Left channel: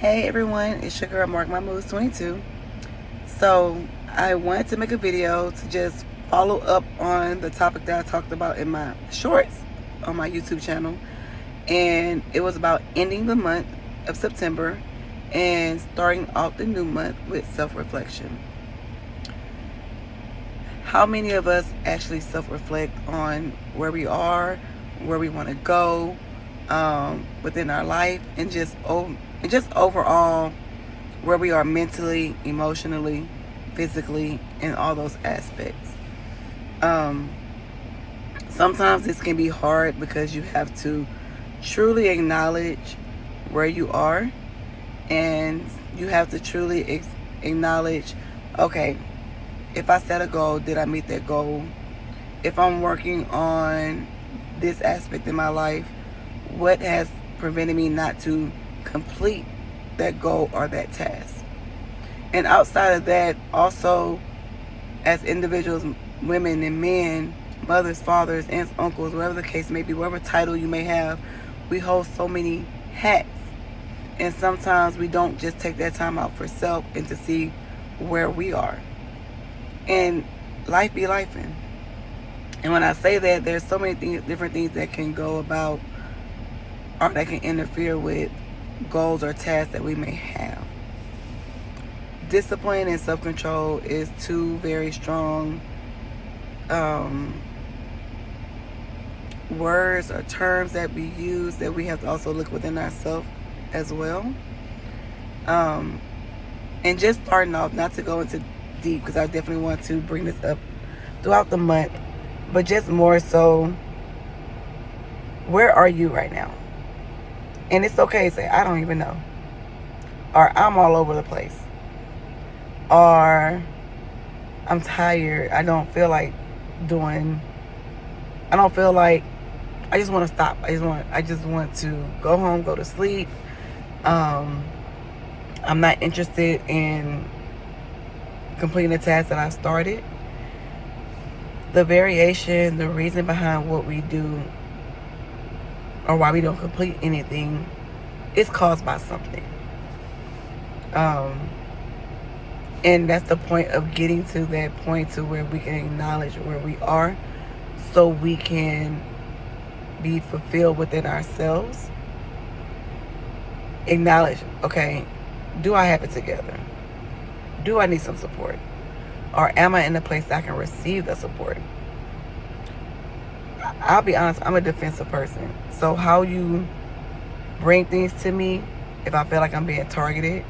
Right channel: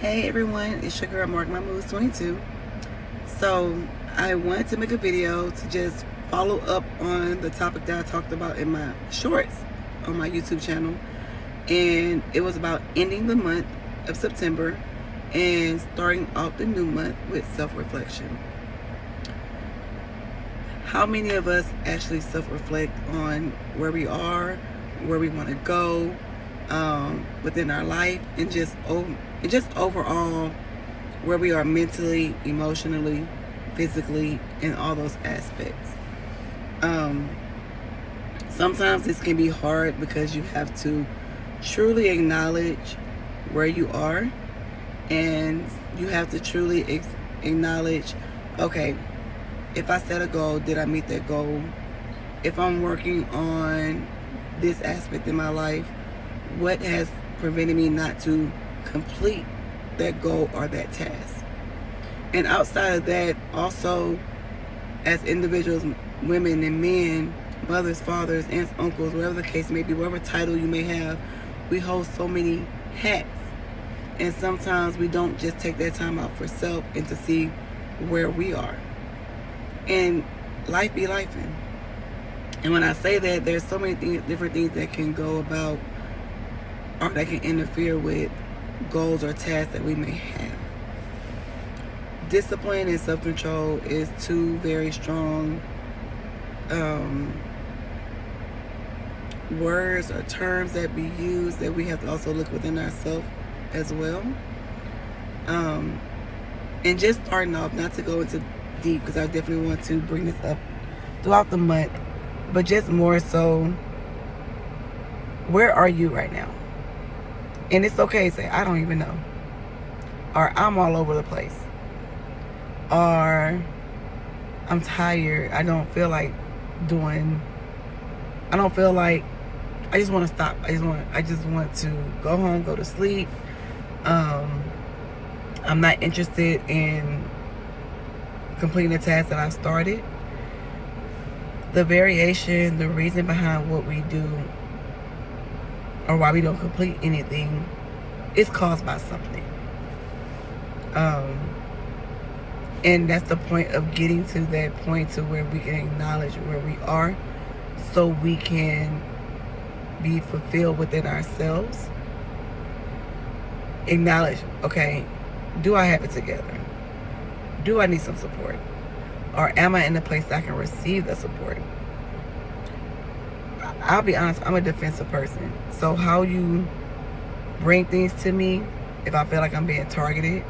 Hey everyone, it's your girl Mark My Moves 22. So I wanted to make a video to just follow up on the topic that I talked about in my shorts on my YouTube channel. And it was about ending the month of September and starting out the new month with self-reflection. How many of us actually self-reflect on where we are, where we want to go within our life, and just overall where we are mentally, emotionally, physically, and all those aspects. Sometimes this can be hard because you have to truly acknowledge where you are, and you have to truly acknowledge, okay, if I set a goal, did I meet that goal? If I'm working on this aspect in my life, what has prevented me not to complete that goal or that task? And outside of that, also as individuals, women and men, mothers, fathers, aunts, uncles, whatever the case may be, whatever title you may have, we hold so many hats. And sometimes we don't just take that time out for self and to see where we are. And life be lifing. And when I say that, there's so many different things that can go about or that can interfere with goals or tasks that we may have. Discipline and self-control is two very strong words or terms that we use that we have to also look within ourselves as well. And just starting off, not to go into deep, because I definitely want to bring this up throughout the month, but just more so, where are you right now? And it's okay to say, I don't even know, or I'm all over the place, or I'm tired, I don't feel like I just want to stop. I just want to go home, go to sleep. I'm not interested in completing the task that I started. The variation, the reason behind what we do or why we don't complete anything is caused by something. And that's the point of getting to that point to where we can acknowledge where we are so we can be fulfilled within ourselves. Acknowledge, okay, do I have it together? Do I need some support? Or am I in a place that I can receive the support? I'll be honest, I'm a defensive person. So how you bring things to me, if I feel like I'm being targeted,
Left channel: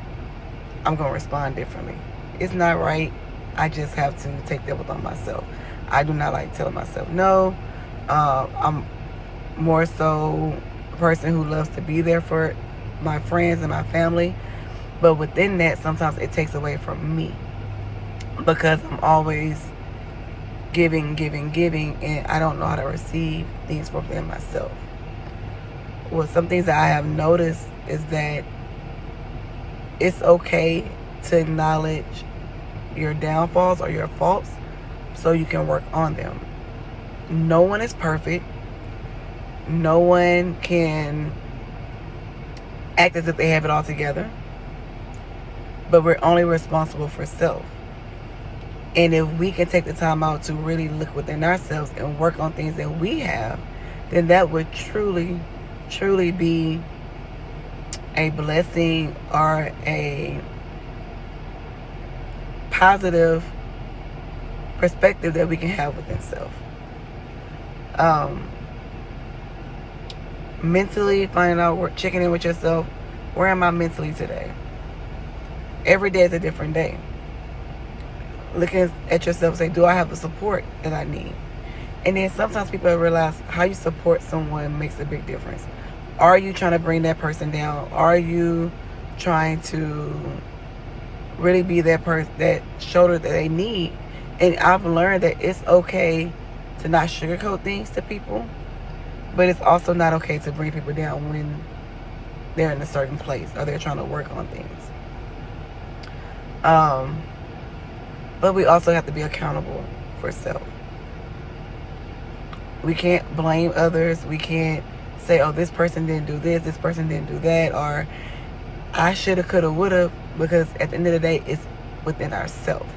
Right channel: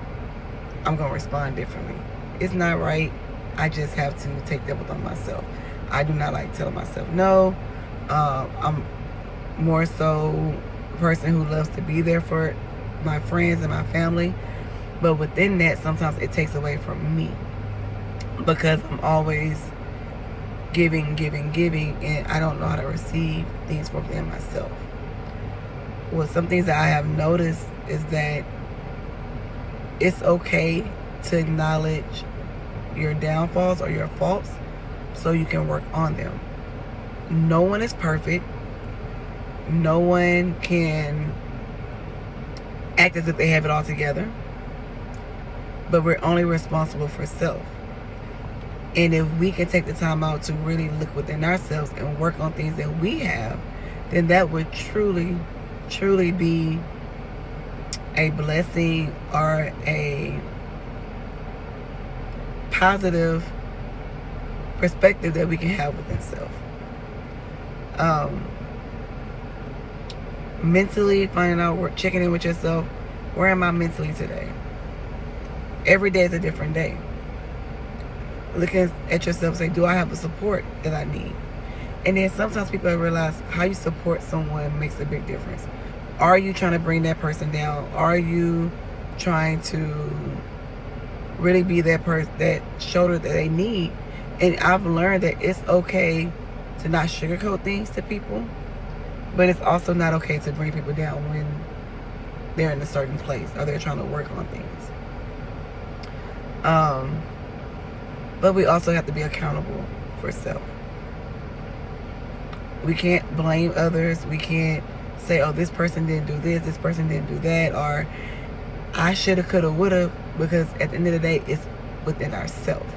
I'm going to respond differently. It's not right. I just have to take that within myself. I do not like telling myself no. I'm more so a person who loves to be there for my friends and my family. But within that, sometimes it takes away from me because I'm always giving, and I don't know how to receive things from within myself. Well, some things that I have noticed is that it's okay to acknowledge your downfalls or your faults so you can work on them. No one is perfect. No one can act as if they have it all together. But we're only responsible for self. And if we can take the time out to really look within ourselves and work on things that we have, then that would truly, truly be a blessing or a positive perspective that we can have within self. Mentally, finding out, checking in with yourself. Where am I mentally today? Every day is a different day. Looking at yourself and say, do I have the support that I need? And then sometimes people realize how you support someone makes a big difference. Are you trying to bring that person down? Are you trying to really be that person, that shoulder that they need? And I've learned that it's okay to not sugarcoat things to people, but it's also not okay to bring people down when they're in a certain place or they're trying to work on things. But we also have to be accountable for self. We can't blame others. We can't say, oh, this person didn't do this person didn't do that, or I shoulda, coulda, woulda, because at the end of the day, it's within ourselves.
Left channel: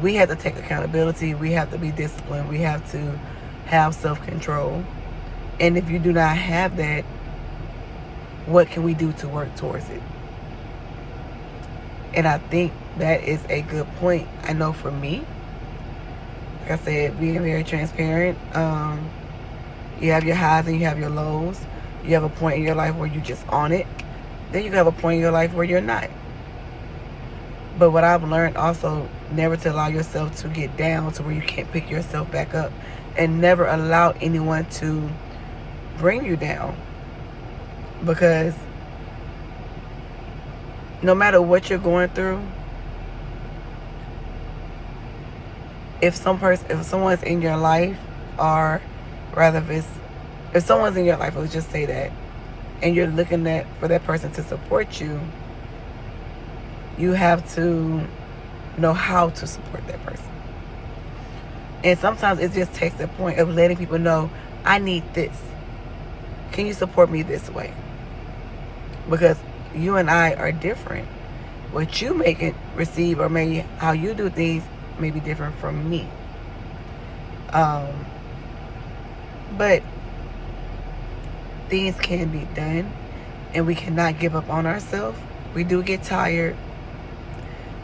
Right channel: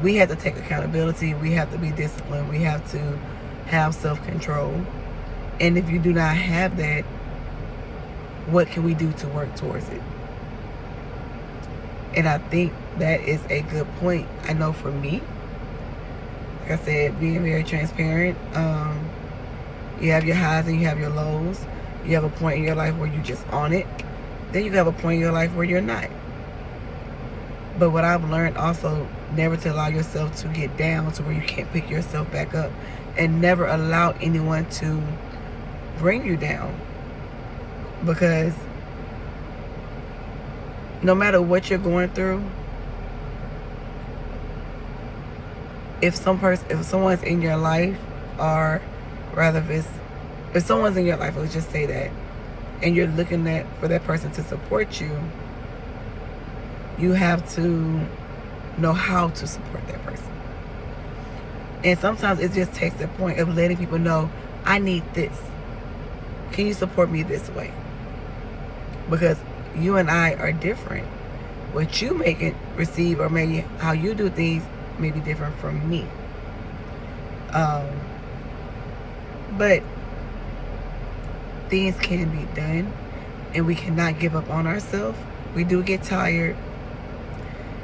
We have to take accountability. We have to be disciplined. We have to have self-control. And if you do not have that, what can we do to work towards it? And I think that is a good point. I know for me, like I said, being very transparent, you have your highs and you have your lows. You have a point in your life where you're just on it. Then you have a point in your life where you're not. But what I've learned also, never to allow yourself to get down to where you can't pick yourself back up. And never allow anyone to bring you down. Because no matter what you're going through, if someone's in your life, or rather if someone's in your life, let's just say that, and you're looking for that person to support you, you have to know how to support that person. And sometimes it just takes the point of letting people know, I need this. Can you support me this way? Because you and I are different. What you make it receive, or maybe how you do things, may be different from me. But things can be done, and we cannot give up on ourselves. We do get tired.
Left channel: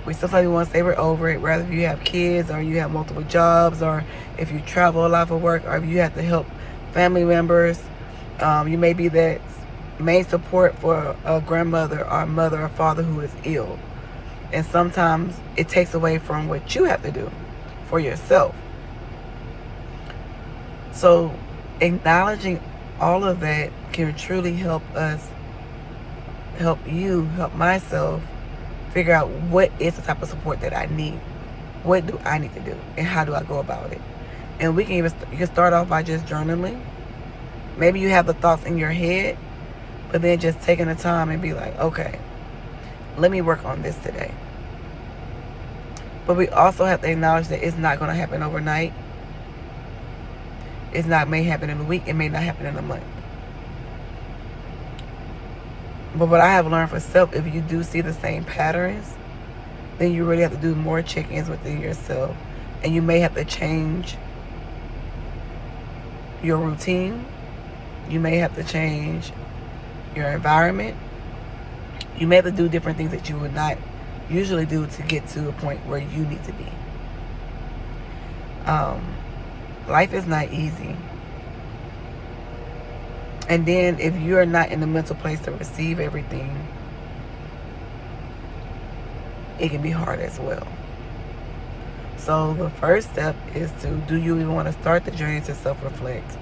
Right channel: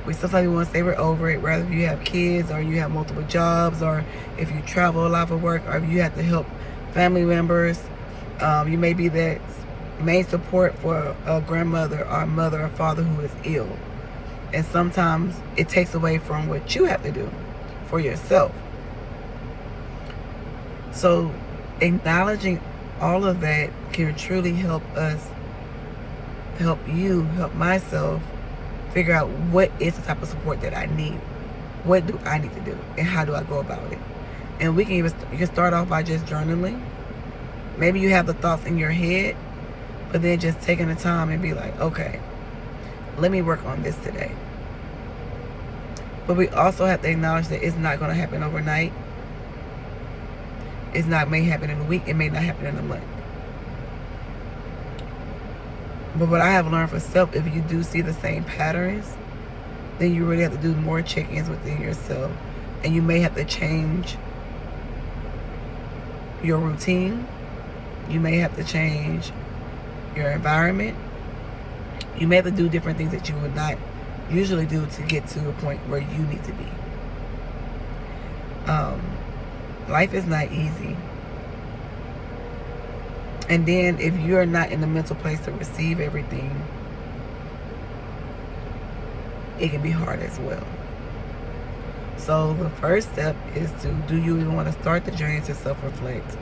Sometimes we want to say we're over it, whether you have kids, or you have multiple jobs, or if you travel a lot for work, or if you have to help family members. You may be that main support for a grandmother or a mother or father who is ill. And sometimes it takes away from what you have to do for yourself. So acknowledging all of that can truly help us, help you, help myself figure out what is the type of support that I need. What do I need to do, and how do I go about it? And you can start off by just journaling. Maybe you have the thoughts in your head, but then just taking the time and be like, okay, let me work on this today. But we also have to acknowledge that it's not going to happen overnight. May happen in a week. It may not happen in a month. But what I have learned for self, if you do see the same patterns, then you really have to do more check-ins within yourself. And you may have to change your routine. You may have to change your environment. You may have to do different things that you would not usually do to get to a point where you need to be. Life is not easy. And then if you're not in the mental place to receive everything, it can be hard as well. So the first step is do you even want to start the journey to self-reflect?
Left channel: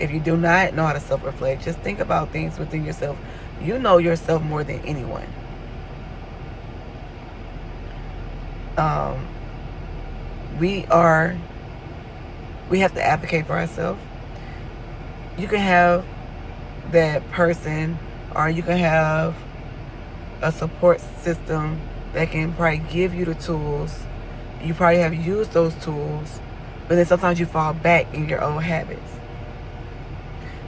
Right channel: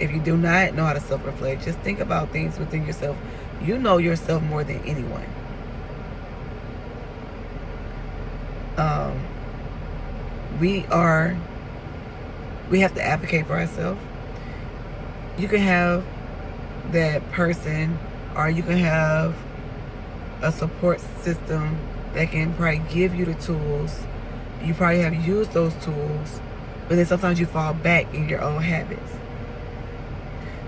If you do not know how to self-reflect, just think about things within yourself. You know yourself more than anyone. We have to advocate for ourselves. You can have that person, or you can have a support system that can probably give you the tools. You probably have used those tools, but then sometimes you fall back in your old habits.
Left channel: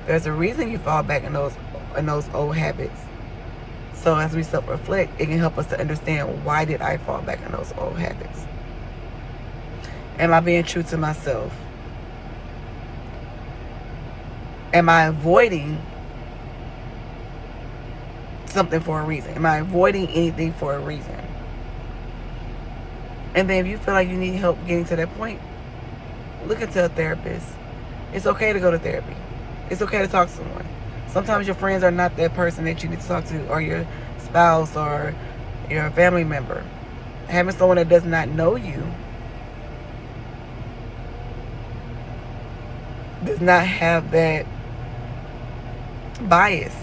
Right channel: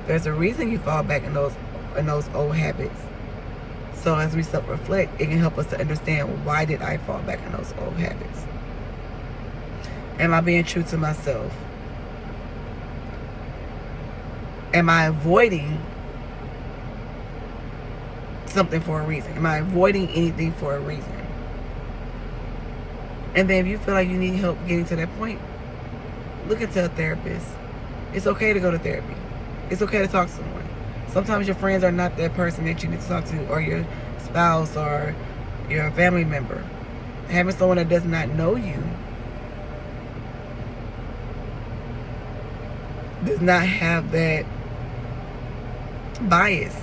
There's a reason you fall back in those old habits. So as we self-reflect, it can help us to understand, why did I fall back in those old habits? Am I being true to myself? Am I avoiding something for a reason? Am I avoiding anything for a reason? And then if you feel like you need help getting to that point, look into a therapist. It's okay to go to therapy. It's okay to talk to someone. Sometimes your friends are not that person that you need to talk to, or your spouse, or your family member. Having someone that does not know you, does not have that bias,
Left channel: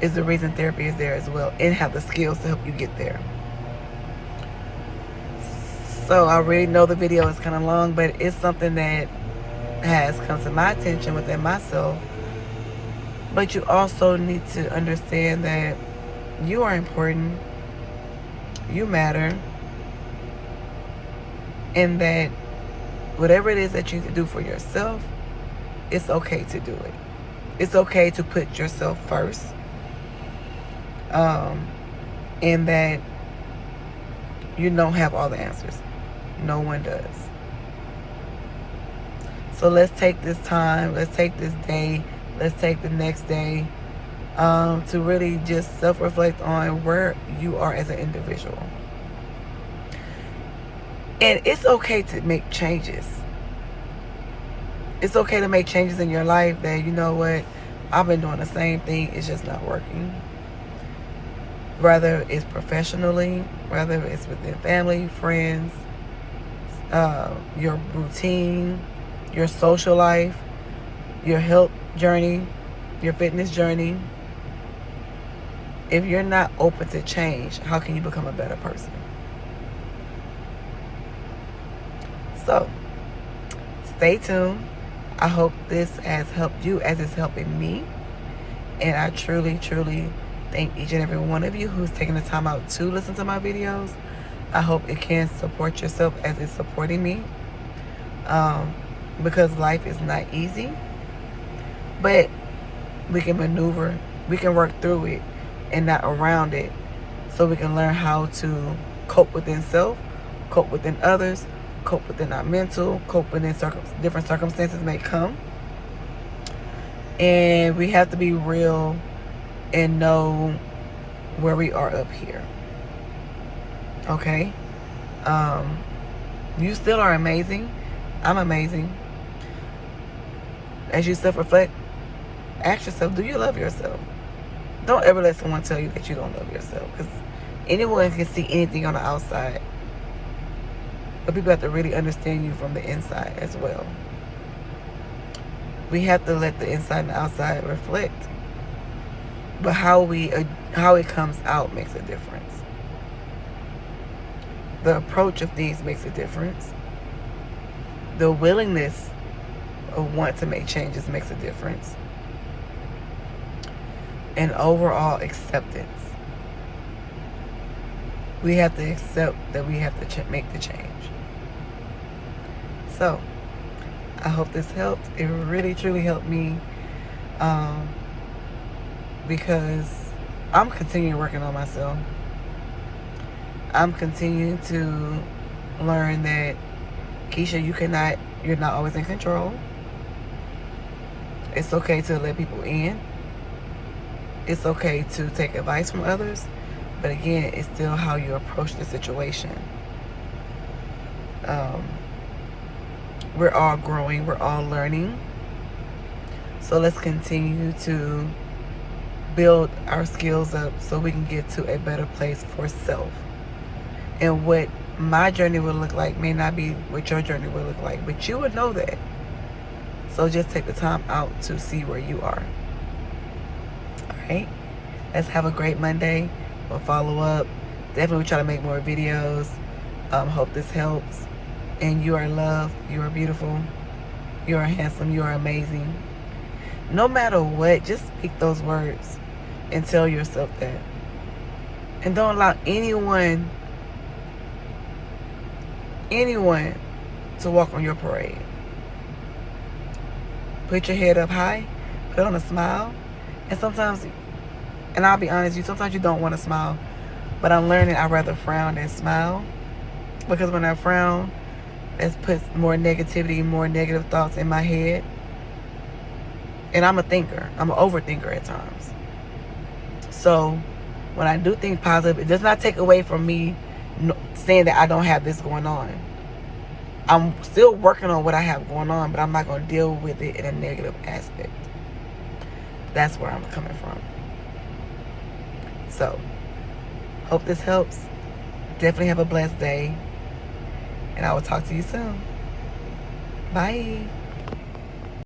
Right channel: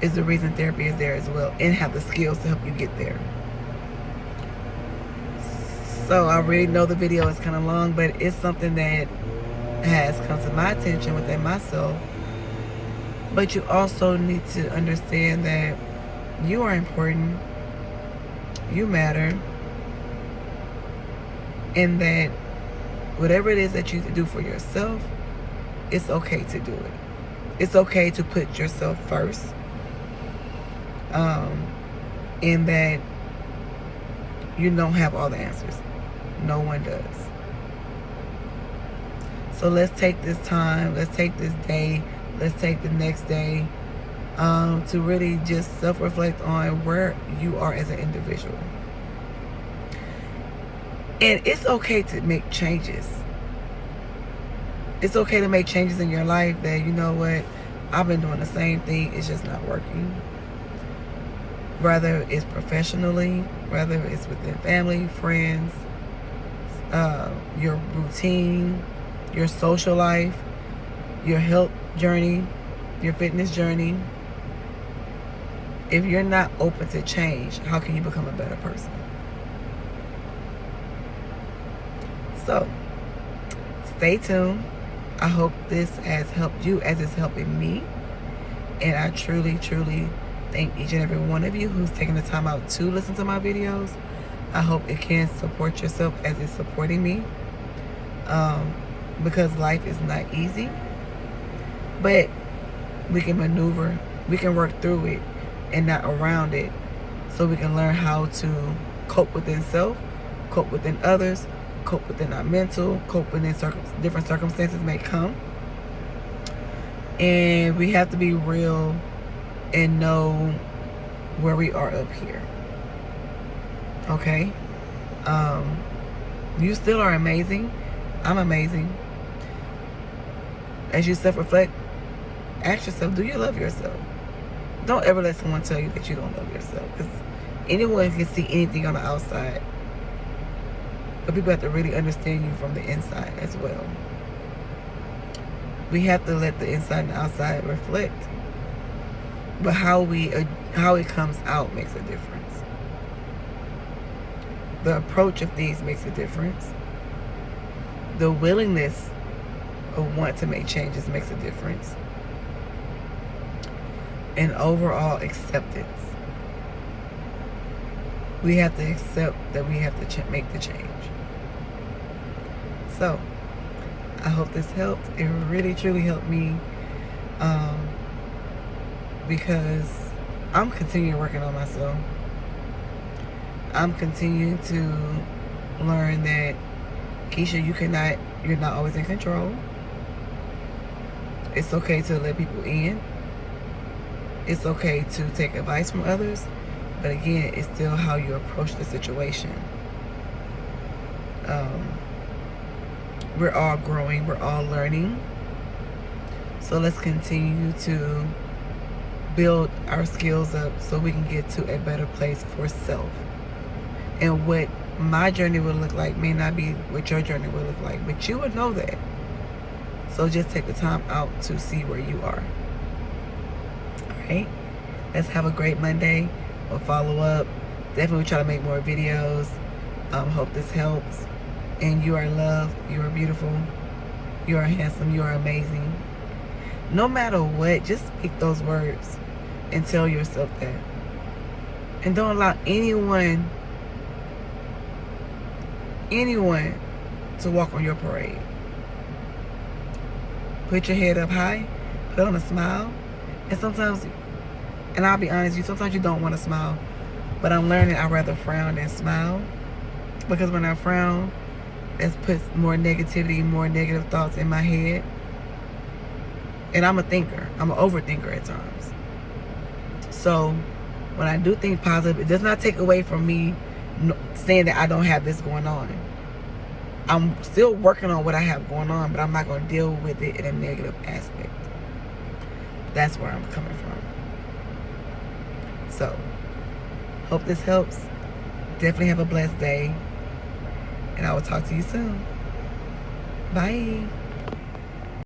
is the reason therapy is there as well, and have the skills to help you get there. So I already know the video is kind of long, but it's something that has come to my attention within myself. But you also need to understand that you are important, you matter, and that whatever it is that you do for yourself, it's okay to do it. It's okay to put yourself first. And that you don't have all the answers. No one does. So let's take this time, let's take this day, let's take the next day to really just self-reflect on where you are as an individual. And it's okay to make changes. It's okay to make changes in your life that, you know what, I've been doing the same thing, it's just not working. Whether it's professionally, whether it's within family, friends, your routine, your social life, your health journey, your fitness journey. If you're not open to change, how can you become a better person? So, stay tuned. I hope this has helped you as it's helping me. And I truly, truly thank each and every one of you who's taking the time out to listen to my videos. I hope it can support yourself as it's supporting me. Because life is not easy. But we can maneuver, we can work through it and not around it. So we can learn how to cope within self, cope within others, cope within our mental, cope within different circumstances may come. And we have to be real and know where we are up here. Okay? You still are amazing. I'm amazing. As you self-reflect, ask yourself, do you love yourself? Don't ever let someone tell you that you don't love yourself. Because anyone can see anything on the outside. But people have to really understand you from the inside as well. We have to let the inside and the outside reflect. But how it comes out makes a difference. The approach of things makes a difference. The willingness of want to make changes makes a difference. And overall acceptance. We have to accept that we have to make the change. So, I hope this helped. It really, truly helped me. Because I'm continuing working on myself. I'm continuing to learn that, Keisha, you're not always in control. It's okay to let people in. It's okay to take advice from others. But again, it's still how you approach the situation. We're all growing. We're all learning. So let's continue to build our skills up so we can get to a better place for self. And what my journey will look like may not be what your journey will look like, but you would know that. So just take the time out to see where you are. Alright? Let's have a great Monday. We'll follow up. Definitely try to make more videos. Hope this helps. And you are loved. You are beautiful. You are handsome. You are amazing. No matter what, just speak those words and tell yourself that. And don't allow anyone to walk on your parade. Put your head up high, put on a smile, and sometimes, and I'll be honest with you, sometimes you don't want to smile, but I'm learning I'd rather frown than smile, because when I frown, it puts more negativity, more negative thoughts in my head, and I'm a thinker, I'm an overthinker at times. So, when I do think positive, it does not take away from me saying that I don't have this going on. I'm still working on what I have going on, but I'm not going to deal with it in a negative aspect. That's where I'm coming from. So, hope this helps. Definitely have a blessed day. And I will talk to you soon. Bye.